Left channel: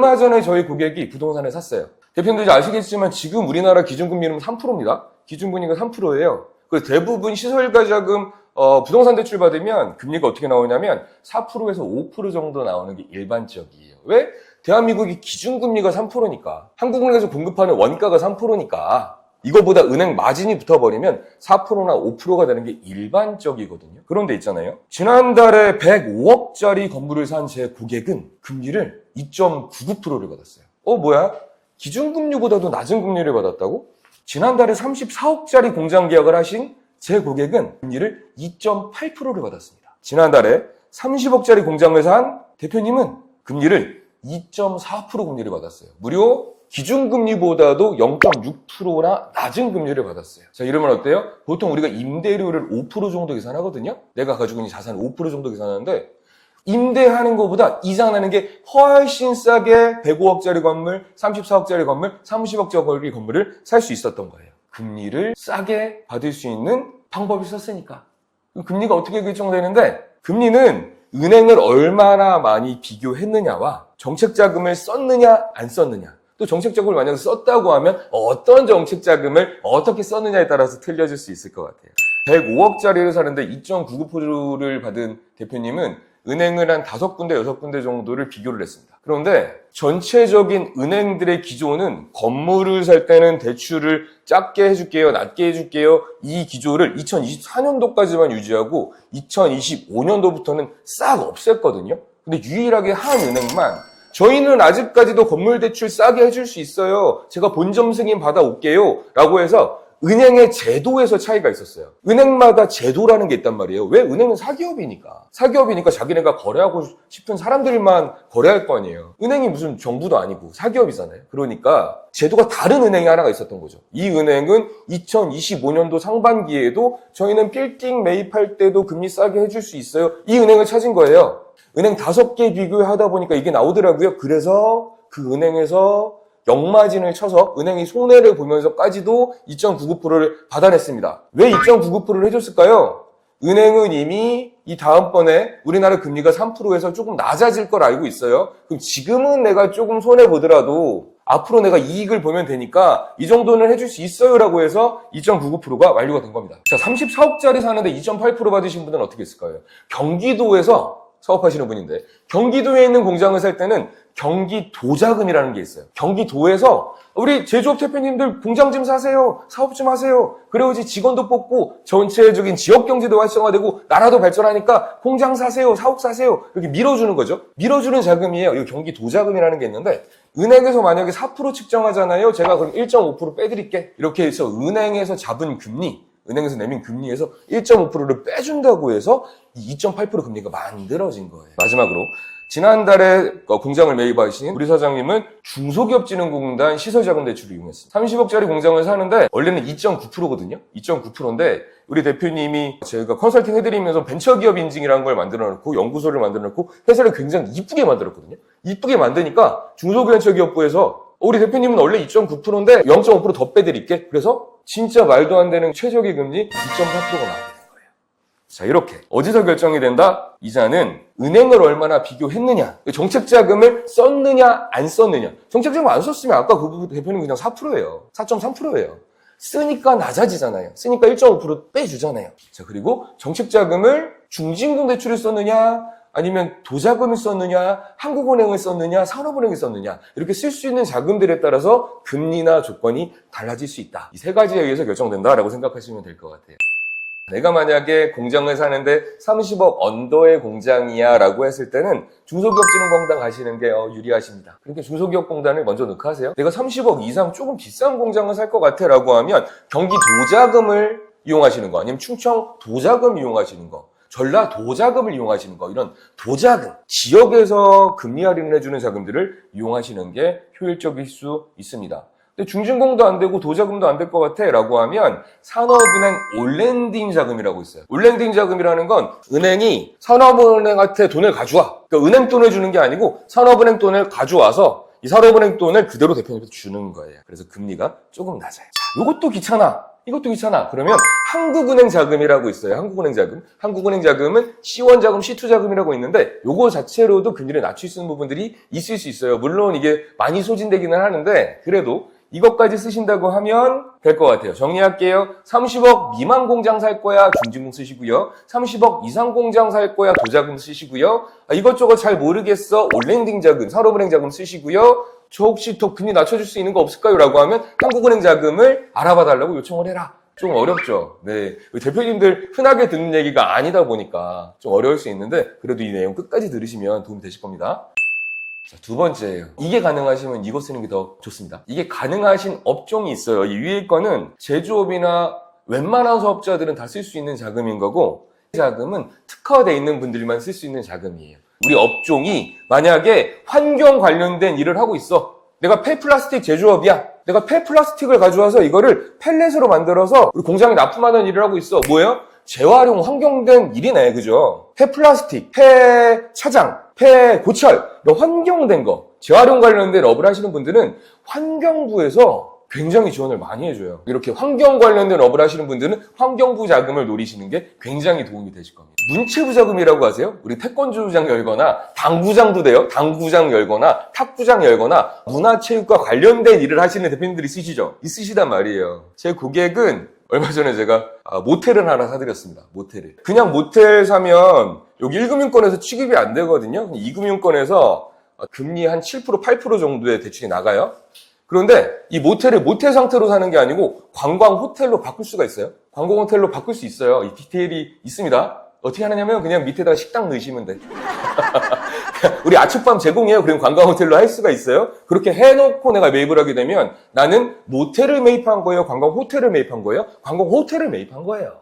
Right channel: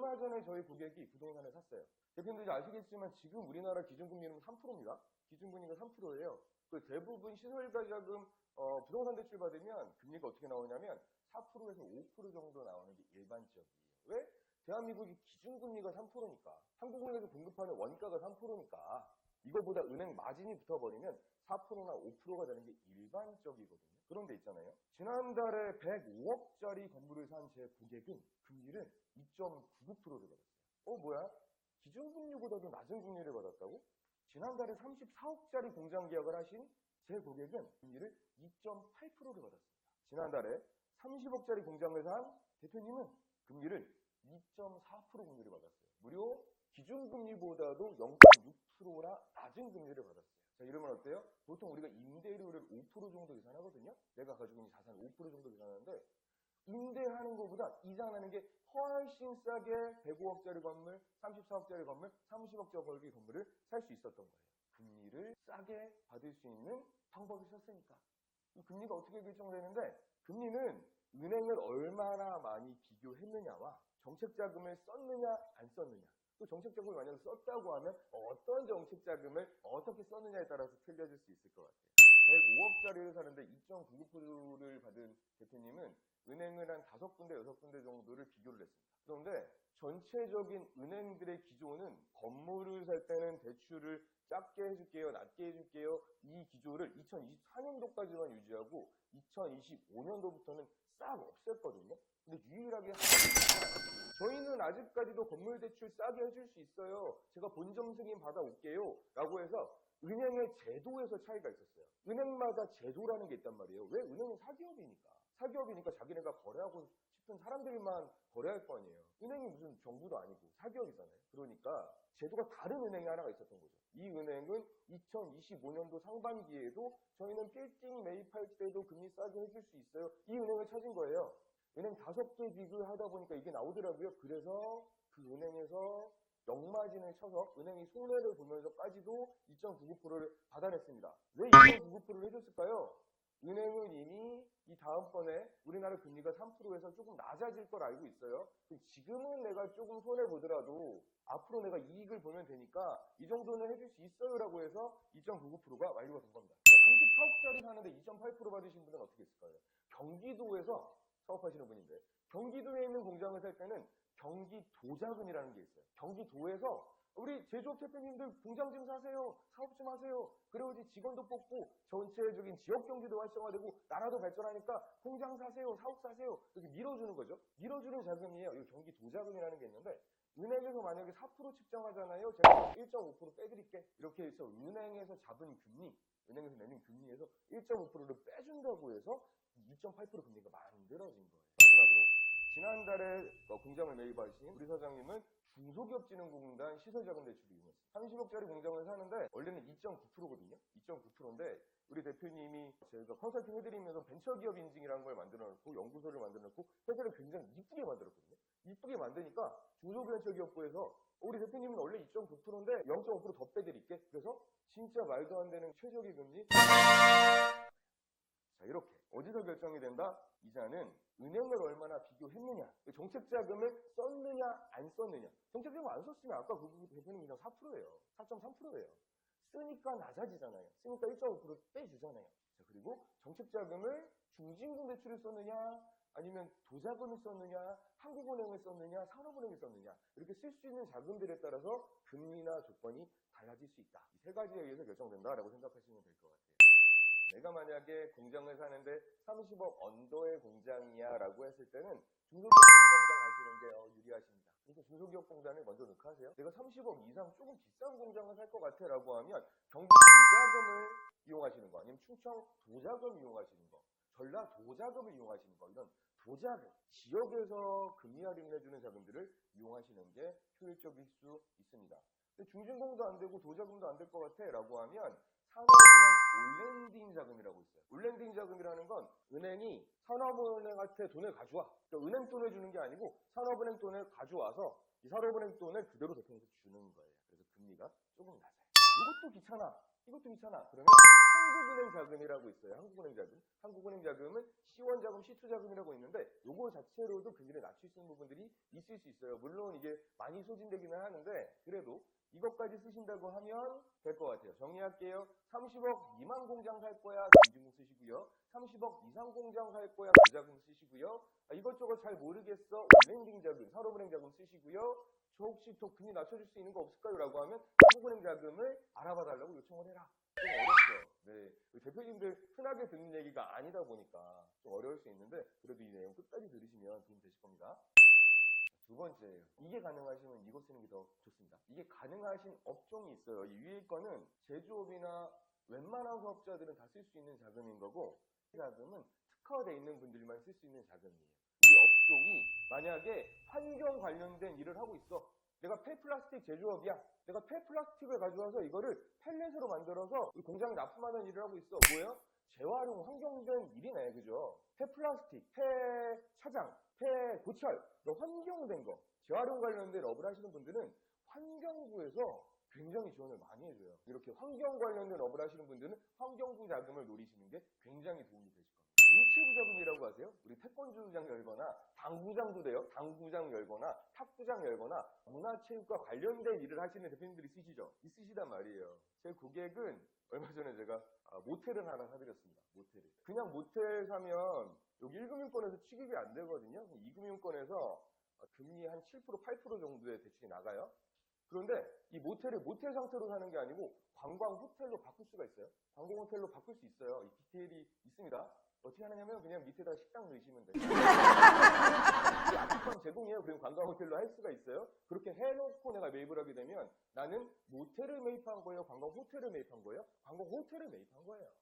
얼마 전에 저희 고객이 부동산을 샀어요. 대표님들이 아시겠지만 지금 우리나라 기준금리는 3%입니다. 기준금리가 3%예요. 그래서 대부분 시설가자금 부동산 대출 받으면 금리가 어떻게 나오냐면 4%에서 5% 정도 나오는 게 일반적이에요. 왜? 대한민국이 기준금리가 3%니까. 한국은행에서 공급하는 원가가 3%니까. 이거보다 은행 마진이 붙어버리면 4%나 5%가 되는 게 일반적이거든요. 그런데 있잖아요. 지난달에 105억짜리 건물을 산 제 고객은 금리를 2.99%를 받았어요. 뭐야? 기준금리보다도 낮은 금리를 받았다고? 지난달에 34억짜리 공장 계약을 하신 제 고객은 금리를 2.8%를 받았습니다. 지난달에 30억짜리 공장을 산 대표님은 금리를 2.4% 금리를 받았어요. 무려 기준금리보다도 0.6%나 낮은 금리를 받았어요. 자, 이러면 어때요? 보통 우리가 임대료를 5% 정도 계산하거든요? 내가 가지고 있는 자산 5% 정도 계산하는데 임대하는 것보다 이자 내는 게 훨씬 싸게 105억짜리 건물, 34억짜리 건물, 30억짜리 건물을 살 수 있었던 거예요. 금리를 싸게 받을 수 있는 방법이 있었으니까. 금리가 어떻게 결정되는데 금리는 은행을 얼마나 많이 비교했느냐와 정책자금을 썼느냐 안 썼느냐, 또 정책자금을 만약에 썼다고 하면 어떤 정책자금을 어떻게 썼느냐에 따라서 틀려질 수 있을 것 같아요. 105억짜리를 사는데 2.99%를 받은 대표님은 은행을 한 5군데, 6군데 정도를 비교를 했습니다. 그런데 전체적인 은행들의 기조는 건물을 살 때는 대출을 작게 해줄게요, 낮게 해줄게요. 이 기조를 2024년도까지만 유지하고 2025년도부터는 싹 없앴거든요. 근데 유일하게 한 은행만 저희는 아직까지도 건물 대출 싸게 해줄 수 있어요. 제가 본점 승인 받아올게요. 라고 해서 은행의 제도에서 차이가 있었어요. 은행마다 제도라는 게 있단 말이에요. 왜? 은행은 사기업이니까. 사기업이니까 자기네가 거래하고 싶은 사람들만 거래할 거 아니에요. 은행이 무슨 정부도 아니고 사기업이잖아요. 그러니까 제도가 다른 은행이 하나가 있었던 거죠. 이 은행은 2025년도 상반기에도 저희는 빌딩 매입할 때도 금리 싸게 해줄 수 있어요. 이 은행을 찾은 거예요. 은행 5개 비교하다 보니까 이게 나오더라고요. 그래서 그 은행에서 역마진을 쳐서 은행이 손해를 보면서까지도 2.99%를 받아냈습니다. 왜 2.99%를 해줬을까요? 은행은 이미 이 다음번에 우리나라 금리가 3%에서 조금 낮아질 걸 알고 있어요. 그럼 지금은 내가 조금 손해보더라도 앞으로 내가 이익을 보면 되니까 이 정도는 해줄 수 있어요 라고 해서 2.99%가 완료가 된 겁니다. 자, 34억짜리 사는데 2.8% 받으신 분들은 어떻게 했을까요? 경기도에서 사업하시는 분인데 경기도에 있는 공장을 살 때는 경기도자금이라는 게 있어요. 경기도에서 우리 제조업 대표님들 공장 좀 사세요. 사업 좀 하세요. 그래야지 직원도 뽑고 전체적인 지역 경제도 활성화되고 나라도 발전하니까 공장 사세요. 사업 사세요. 이렇게 밀어주는 거죠. 밀어주는 자금이에요. 이 경기도자금이라는 게 있는데 은행에서 만약에 4% 측정하잖아요. 제가 그럼 1.5% 빼드릴게. 이렇게 해서 은행에서 잡은 금리, 은행에서 내민 금리에서 1.5%를 빼준다고 해서 이 2.8% 금리가 만들어진 거예요. 마지막으로 지난달에 공장을 매입하신 우리 사장님은 중소기업진흥공단 시설자금대출을 이용했습니다. 30억짜리 공장을 사는데 원래는 2.9%거든요. 2.9%인데 우리 대표님이 제가 컨설팅 해드리면서 벤처기업 인증이라는 걸 만들어놓고 연구소를 만들어놓고 회사를 굉장히 이쁘게 만들었거든요. 이쁘게 만드니까 중소벤처기업부에서 우리 대표님은 원래 2.9%인데 0.5% 더 빼드릴게. 그래서 진짜 말도 안 되는 최저기 금리 2.8%가 나와요. 자, 이렇게 어디서 결정이 된다? 이자는 은행을 얼마나 비교했느냐, 정책자금을 썼느냐 안 썼느냐. 정책자금 안 썼으면 아까 그 대표님 그냥 4%예요. 4.3%예요. 쓰니까 낮아지잖아요. 쓰니까 1.5% 빼주잖아요. 자, 그리고 정책자금을 중진공 대출을 썼느냐 아니면 도자금을 썼느냐, 한국은행을 썼느냐, 산업은행을 썼느냐, 이렇게 쓸 수 있는 자금들에 따라서 금리나 조건이 달라질 수 있다. 이 세 가지에 의해서 결정된다라고 생각하시면 될 것 같아요. 내가 만약에 공장을 사는데 30억 언더의 공장이야 라고 했을 때는 중소기업진흥공단 가시는 게 유리하십니다. 그러니까 중소기업공단을 먼저 넣고 하세요. 내가 30억 이상 조금 비싼 공장을 살 것 같아 라고 하면 경기도자금을 이용하시는 거, 아니면 충청도자금 이용하시는 거, 전라도자금을 이용하시는 거, 이런 도자금, 지역에서 금리 할인을 해주는 자금들을 이용하시는 게 효율적일 수 있습니다. 근데 중진공도 안 되고 도자금도 안 될 것 같아 라고 하면 산업은행 올랜딩 자금이라고 있어요. 올랜딩 자금이라는 건 은행이 산업은행한테 돈을 가져와. 그러니까 은행 돈을 주는 게 아니고 산업은행 돈을 가져와서 이 산업은행 돈을 그대로 대표님한테 주는 거예요. 그래서 금리가 조금 낮아요. 이것도 귀찮아. 이것도 귀찮아. 그러면 한국은행 자금이라고 있어요. 한국은행 자금. 한국은행 자금은 C1 자금, C2 자금이라고 있는데 요거 자체로도 금리를 낮출 수 있는 부분들이 있을 수 있어요. 물론 이게 많이 소진되기는 하는데 그래도 이것까지 쓰신다고 하면 될 것 같아요. 정리할게요. 30억 미만 공장 살 거야 중진금 쓰시고요. 30억 이상 공장 살 거야 도자금 쓰시고요. 이것저것 잘 모르겠어 올랜딩 자금, 산업은행 자금 쓰시고요. 저 혹시 더 금리 낮춰줄 수 있는 거 없을까요? 라고 하면 한국은행 자금을 알아봐 달라고 요청을 해라. 좀 어렵죠. 네. 대표님들 흔하게 듣는 얘기가 아니다 보니까 좀 어려울 수 있는데 그래도 이 내용 끝까지 들으시면 도움이 되실 겁니다. 자, 두 번째예요. 이게 가능하시면 이거 쓰는 게 더 좋습니다. 이게 가능하신 업종이 있어요. 이 위에 거는 제조업이나 웬만한 사업자들은 다 쓸 수 있는 자금인 거고 이 자금은 특화되어 있는 분들만 쓸 수 있는 자금이에요. 우리 업종이 만약에 환경 관련된 일을 하고 있어. 내가 폐플라스틱 제조업이야. 내가 폐플라스틱을 가져와서 이거를 펠렛으로 만들어서 우리 공장에 납품하는 일을 하고 있어. 뭐예요? 재활용 환경된 일이네. 그죠? 폐플라스틱, 폐차장, 폐고철 이런 환경된 거 재활용 관련된 업을 하시는 분들은 환경부에서 굉장히 지원을 많이 해줘요. 이렇게 환경 관련된 업을 하시는 분들은 환경부 자금을 노리시는 게 굉장히 도움이 되실 겁니다. 문체부 자금이라고 하세요? 우리 태권도장 열거나 당구장도 돼요. 당구장 열거나 탁구장 열거나 문화체육과 관련된 일을 하시는 대표님들이 쓰시죠? 있으시단 말이에요. 제 고객은 얼마 전에 제가 모텔을 하나 사드렸습니다. 모텔을. 그냥 모텔 사면 여기 1금융권에서 취급이 안 되거든요. 2금융권에서 금리 한 7%, 8% 정도의 대출이 나가요. 그런데 이 모텔을 모텔 상태로 사는 게 아니고 관광 호텔로 바꿀 수가 있어요. 관광 호텔로 바꿀 수 있어요. 이 디테일이 있습니다. 어떻게 하느냐면 그냥 밑에다가 식당 넣으시면 돼. 우리 아침밤 제공해요. 그럼 관광 호텔로 할 수가 있어요. 그렇게 해놓고 내가 매입을 하게 되면 나는 모텔을 매입한 거예요? 관광 호텔을 매입한 거예요? 관광 호텔을 매입한 거예요.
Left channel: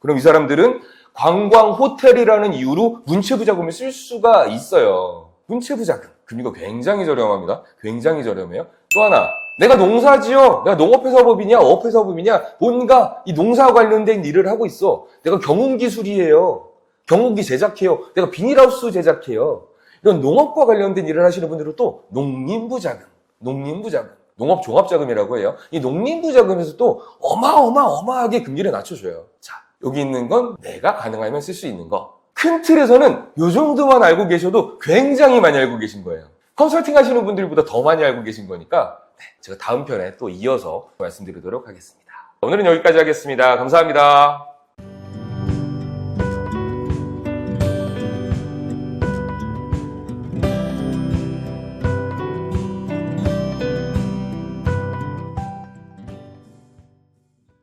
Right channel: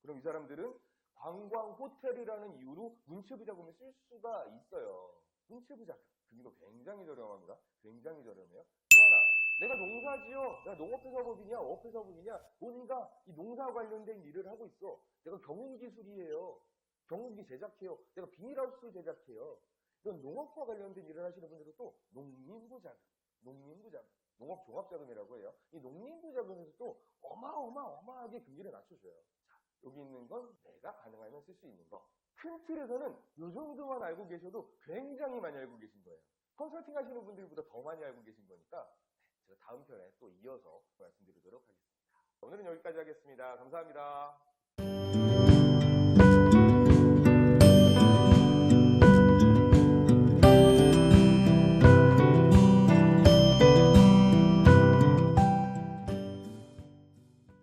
그럼 이 사람들은 관광 호텔이라는 이유로 문체부 자금을 쓸 수가 있어요. 문체부 자금. 금리가 굉장히 저렴합니다. 굉장히 저렴해요. 또 하나, 내가 농사지어. 내가 농업회사법이냐, 어업회사법이냐, 뭔가 이 농사와 관련된 일을 하고 있어. 내가 경운기술이에요. 경운기 제작해요. 내가 비닐하우스 제작해요. 이런 농업과 관련된 일을 하시는 분들은 또 농림부 자금, 농업종합자금이라고 해요. 이 농림부 자금에서 또 어마어마하게 금리를 낮춰줘요. 자, 여기 있는 건 내가 가능하면 쓸 수 있는 거. 큰 틀에서는 이 정도만 알고 계셔도 굉장히 많이 알고 계신 거예요. 컨설팅 하시는 분들보다 더 많이 알고 계신 거니까 제가 다음 편에 또 이어서 말씀드리도록 하겠습니다. 오늘은 여기까지 하겠습니다. 감사합니다.